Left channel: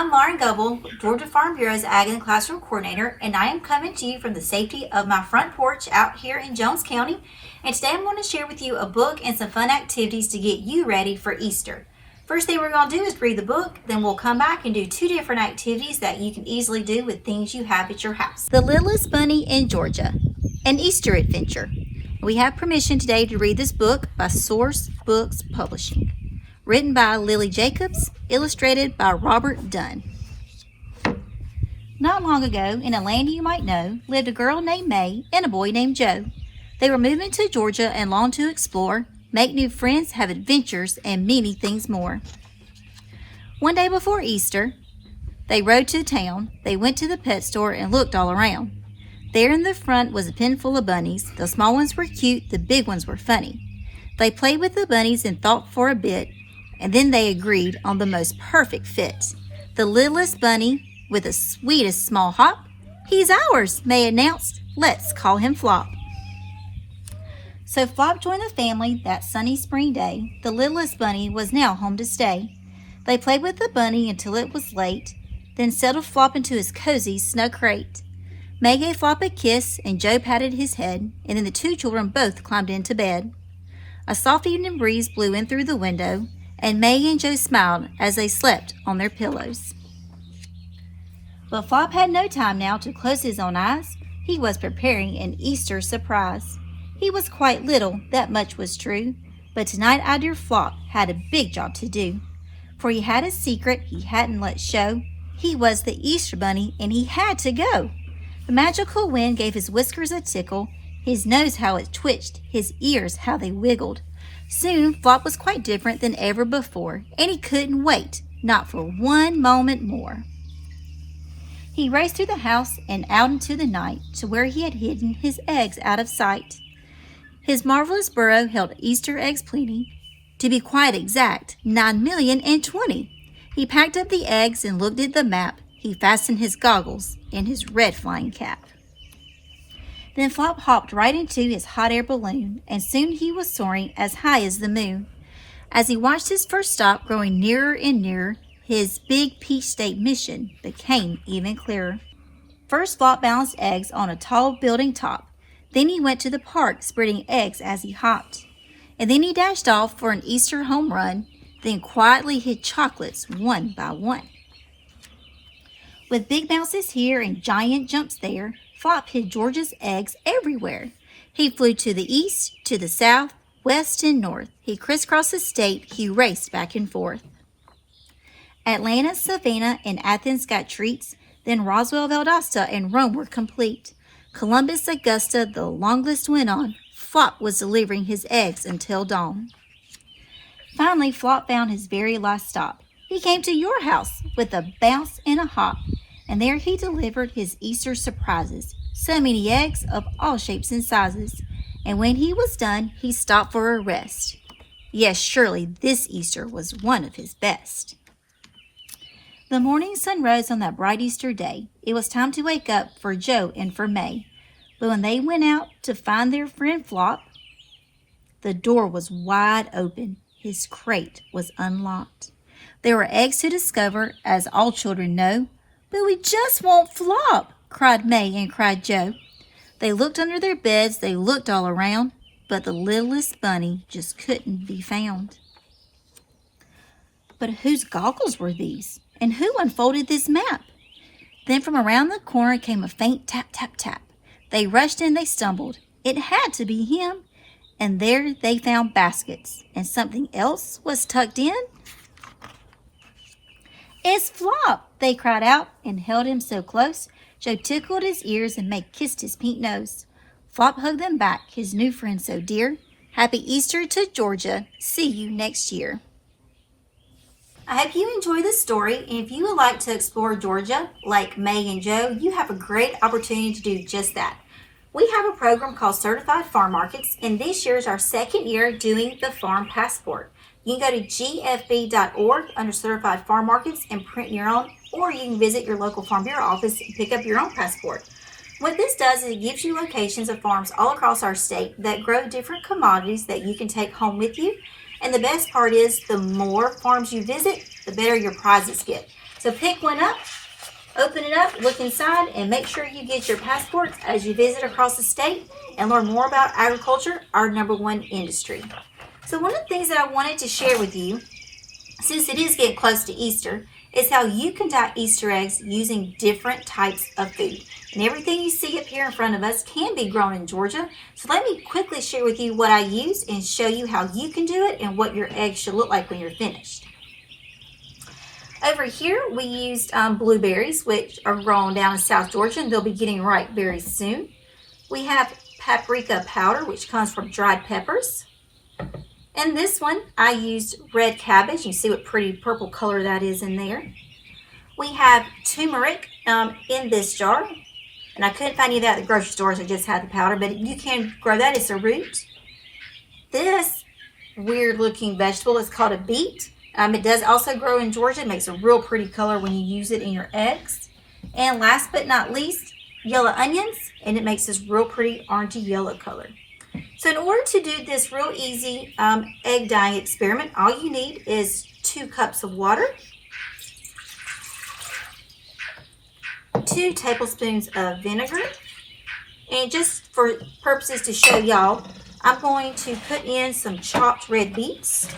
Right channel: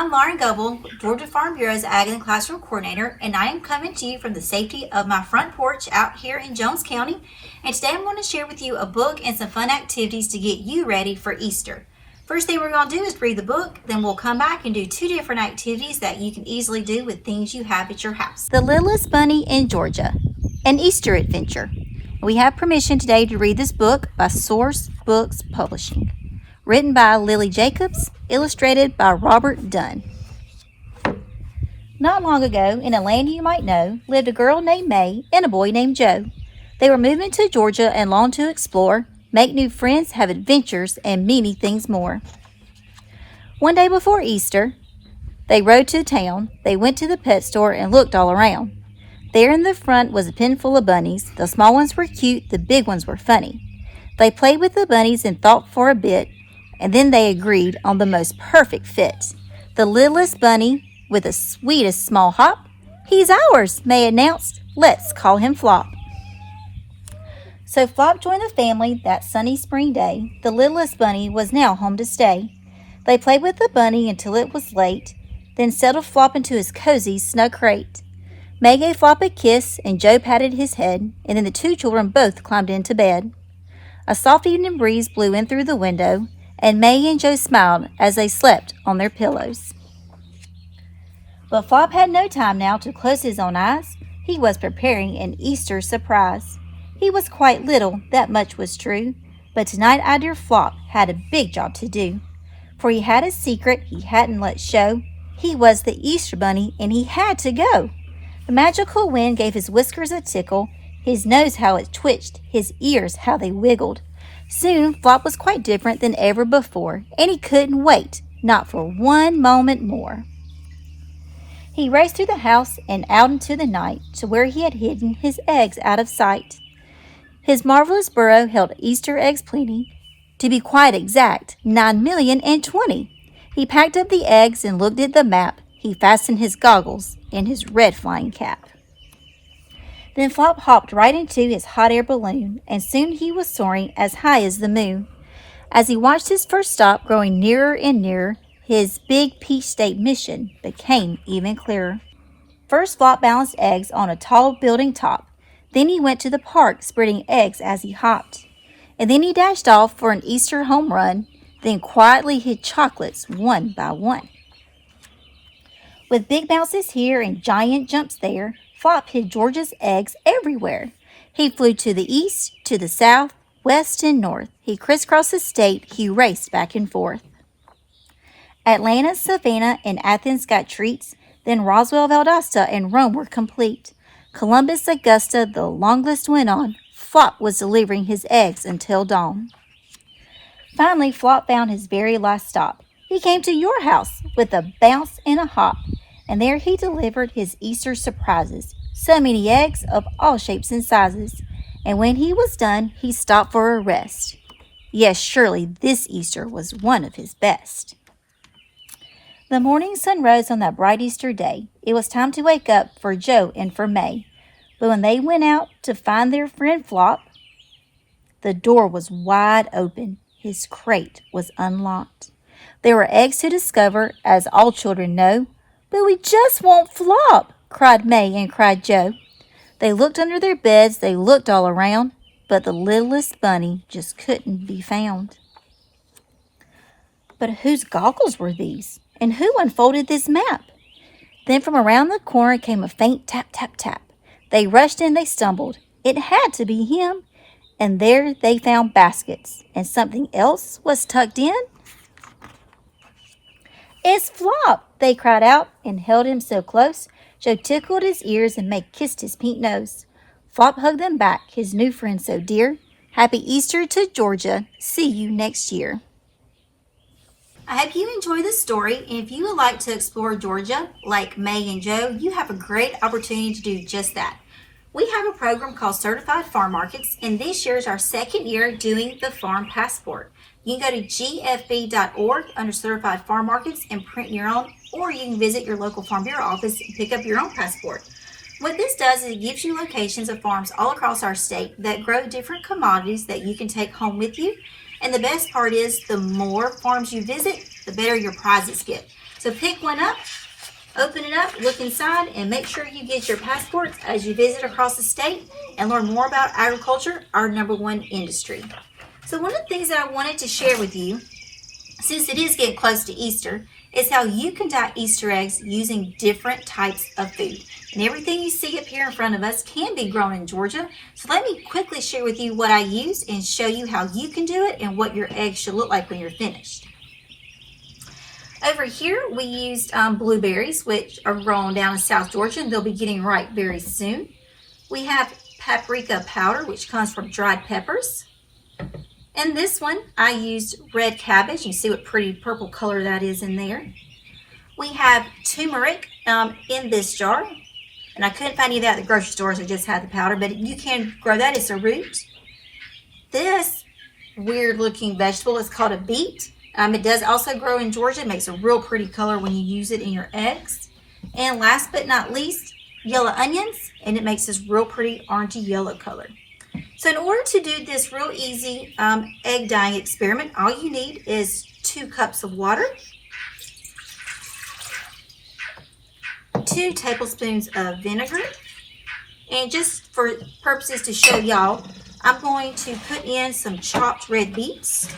I'm Lauren Goble, Georgia Farm Bureau's Ag and Classroom Coordinator, and I am coming to you from the safety of my front porch out here in Jones County. And today I'm going to share with you a book and some fun activities to get you ready for Easter. First thing we're going to do is read the book, then we'll come back and do two different activities that you can easily do with things you have at your house. The Littlest Bunny in Georgia, an Easter adventure. We have permission today to read this book by Source Books Publishing. Written by Lily Jacobs, illustrated by Robert Dunn. Not long ago, in a land you might know, lived a girl named May and a boy named Joe. They were moving to Georgia and longed to explore, make new friends, have adventures, and many things more. One day before Easter, they rode to town. They went to the pet store and looked all around. There in the front was a pen full of bunnies. The small ones were cute, the big ones were funny. They played with the bunnies and thought for a bit, and then they agreed on the most perfect fit. The littlest bunny with the sweetest small hop. He's ours, May announced. Let's call him Flop. So Flop joined the family that sunny spring day. The littlest bunny was now home to stay. They played with the bunny until it was late, then settled Flop into his cozy, snug crate. May gave Flop a kiss, and Joe patted his head, and then the two children both climbed into bed. A soft evening breeze blew in through the window, and May and Joe smiled as they slept on their pillows. But Flop had no time now to close his own eyes. He was preparing an Easter surprise. He was quite little, that much was true, but tonight our dear Flop had a big job to do. For he had a secret he hadn't let show. He was the Easter bunny, and he had to go. The magical wind gave his whiskers a tickle, his nose how it twitched, his ears how they wiggled. Soon, Flop was quite different than ever before, and he couldn't wait, not for one moment more. He raced through the house and out into the night to where he had hidden his eggs out of sight. His marvelous burrow held Easter eggs plenty. To be quite exact, 9,020,000. He packed up the eggs and looked at the map. He fastened his goggles in his red flying cap. Then Flop hopped right into his hot air balloon, and soon he was soaring as high as the moon. As he watched his first stop growing nearer and nearer, his big Peach State mission became even clearer. First, Flop balanced eggs on a tall building top. Then he went to the park, spreading eggs as he hopped. And then he dashed off for an Easter home run, then quietly hid chocolates one by one. With big bounces here and giant jumps there, Flop hid Georgia's eggs everywhere. He flew to the east, to the south, west, and north. He crisscrossed the state. He raced back and forth. Atlanta, Savannah, and Athens got treats. Then Roswell, Valdosta, and Rome were complete. Columbus, Augusta, the long list went on. Flop was delivering his eggs until dawn. Finally, Flop found his very last stop. He came to your house with a bounce and a hop. And there he delivered his Easter surprises, so many eggs of all shapes and sizes. And when he was done, he stopped for a rest. Yes, surely this Easter was one of his best. The morning sun rose on that bright Easter day. It was time to wake up for Joe and for May. But when they went out to find their friend Flop, the door was wide open. His crate was unlocked. There were eggs to discover, as all children know. But we just want Flop, cried May and cried Joe. They looked under their beds, they looked all around, but the littlest bunny just couldn't be found. But whose goggles were these? And who unfolded this map? Then from around the corner came a faint tap, tap, tap. They rushed and they stumbled. It had to be him. And there they found baskets, and something else was tucked in. It's Flop, they cried out and held him so close. Joe tickled his ears and May kissed his pink nose. Flop hugged them back, his new friend so dear. Happy Easter to Georgia. See you next year. I hope you enjoy this story, and if you would like to explore Georgia like May and Joe, you have a great opportunity to do just that. We have a program called Certified Farm Markets, and this year is our second year doing the Farm Passport. You can go to gfb.org under Certified Farm Markets and print your own, or you can visit your local Farm Bureau office and pick up your own passport. What this does is it gives you locations of farms all across our state that grow different commodities that you can take home with you. And the best part is the more farms you visit, the better your prizes get. So pick one up, open it up, look inside, and make sure you get your passports as you visit across the state and learn more about agriculture, our #1 industry. So one of the things that I wanted to share with you, since it is getting close to Easter, is how you can dye Easter eggs using different types of food. And everything you see up here in front of us can be grown in Georgia. So let me quickly share with you what I use and show you how you can do it and what your eggs should look like when you're finished. Over here we used blueberries, which are grown down in South Georgia, and they'll be getting ripe very soon. We have paprika powder, which comes from dried peppers. And this one, I used red cabbage. You see what pretty purple color that is in there. We have turmeric in this jar. And I couldn't find any of that at the grocery store, so I just had the powder. But you can grow that. It's a root. This weird looking vegetable is called a beet. It does also grow in Georgia. It makes a real pretty color when you use it in your eggs. And last but not least, yellow onions. And it makes this real pretty orangey yellow color. So in order to do this real easy egg dyeing experiment, all you need is 2 cups of water, 2 tablespoons of vinegar, and just for purposes to show y'all, I'm going to put in some chopped red beets.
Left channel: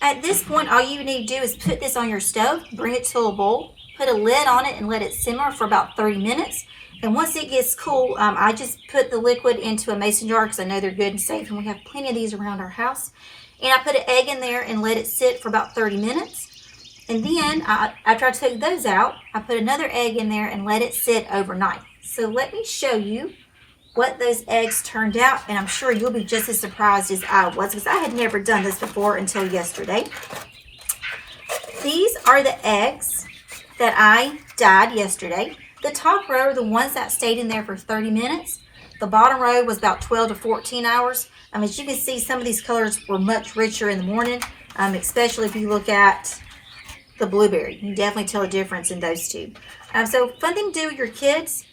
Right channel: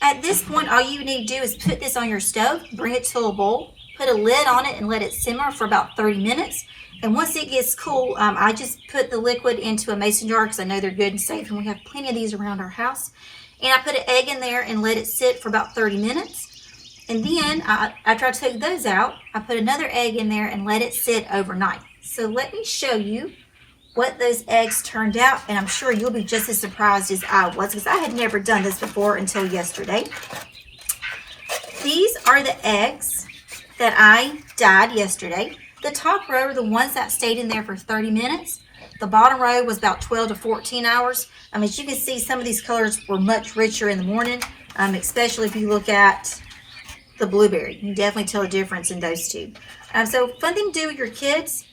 At this point, all you need to do is put this on your stove, bring it to a boil, put a lid on it, and let it simmer for about 30 minutes. And once it gets cool, I just put the liquid into a mason jar because I know they're good and safe, and we have plenty of these around our house. And I put an egg in there and let it sit for about 30 minutes. And then, after I took those out, I put another egg in there and let it sit overnight. So let me show you what those eggs turned out, and I'm sure you'll be just as surprised as I was, because I had never done this before until yesterday. These are the eggs that I dyed yesterday. The top row are the ones that stayed in there for 30 minutes. The bottom row was about 12 to 14 hours. As you can see, some of these colors were much richer in the morning, especially if you look at the blueberry. You can definitely tell a difference in those two. So fun thing to do with your kids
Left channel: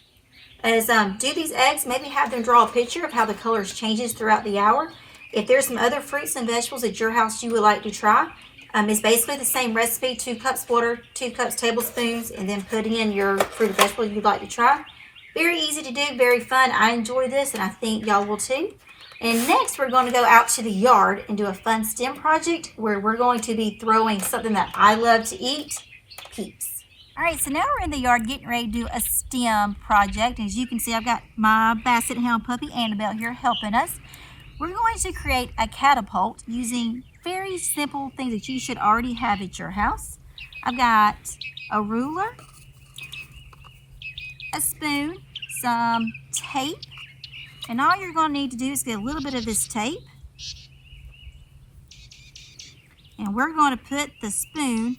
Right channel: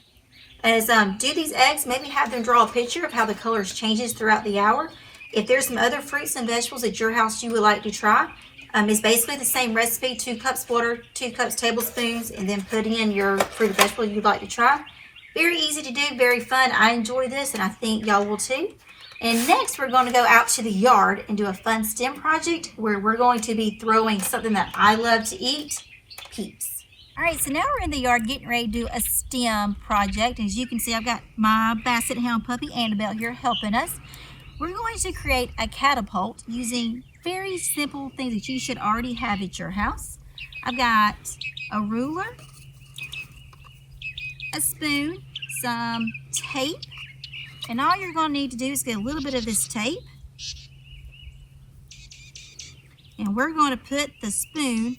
is do these eggs, maybe have them draw a picture of how the colors changes throughout the hour. If there's some other fruits and vegetables at your house you would like to try, it's basically the same recipe, 2 cups water, 2 cups tablespoons, and then putting in your fruit or vegetable you'd like to try. Very easy to do, very fun. I enjoy this, and I think y'all will too. And next, we're going to go out to the yard and do a fun STEM project where we're going to be throwing something that I love to eat, peeps. All right, so now we're in the yard getting ready to do a STEM project. As you can see, I've got my Basset Hound puppy, Annabelle, here helping us. We're going to create a catapult using very simple things that you should already have at your house. I've got a ruler, a spoon, some tape, and all you're going to need to do is get a little bit of this tape, and we're going to put the spoon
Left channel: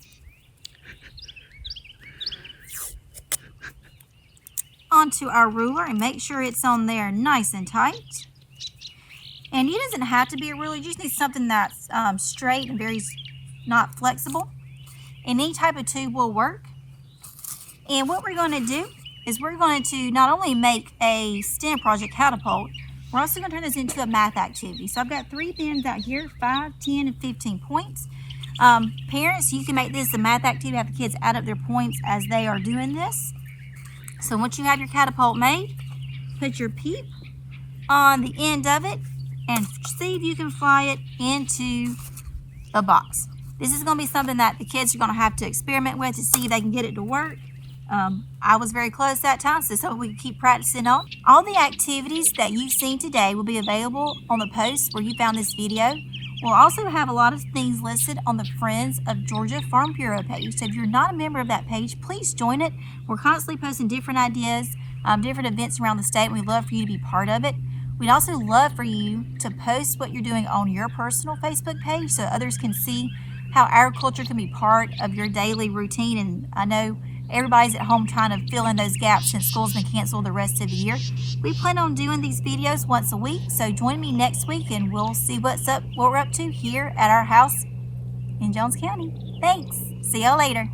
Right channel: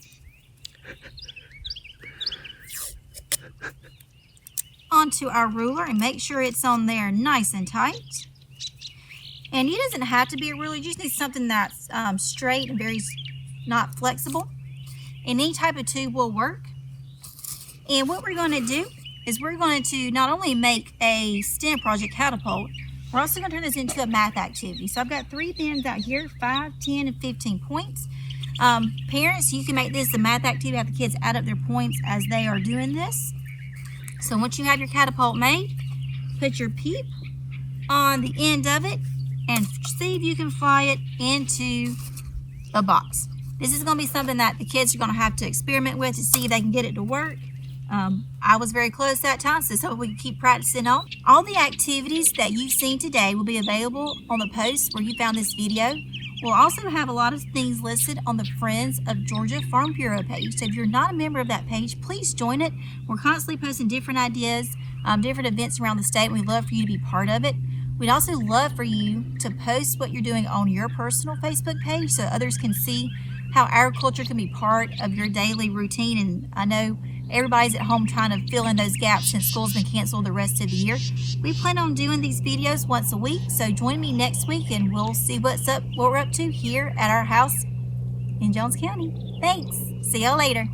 onto our ruler and make sure it's on there nice and tight. And it doesn't have to be a ruler, you just need something that's straight and very not flexible. And any type of tube will work. And what we're going to do is we're going to not only make a STEM project catapult, we're also going to turn this into a math activity. So I've got 3 pins out here, 5, 10, and 15 points. Parents, you can make this a math activity, have the kids add up their points as they are doing this. So once you have your catapult made, put your peep on the end of it and see if you can fly it into a box. This is going to be something that the kids are going to have to experiment with to see if they can get it to work. I was very close that time, so we can keep practicing on. All the activities that you've seen today will be available on the post where you found this video. We'll also have a lot of things listed on the Friends of Georgia Farm Bureau page. So if you're not a member of that page, please join it. We're constantly posting different ideas, different events around the state, and we'd love for you to be part of it. We'd also love for you to post what you're doing on your personal Facebook page so others can see how agriculture can be part of your daily routine. And I know everybody's at home trying to fill in those gaps since school's been canceled the rest of the year. We plan on doing these videos once a week, so join me next week and we'll see what we're up to here at our house in Jones County. Thanks. See y'all later.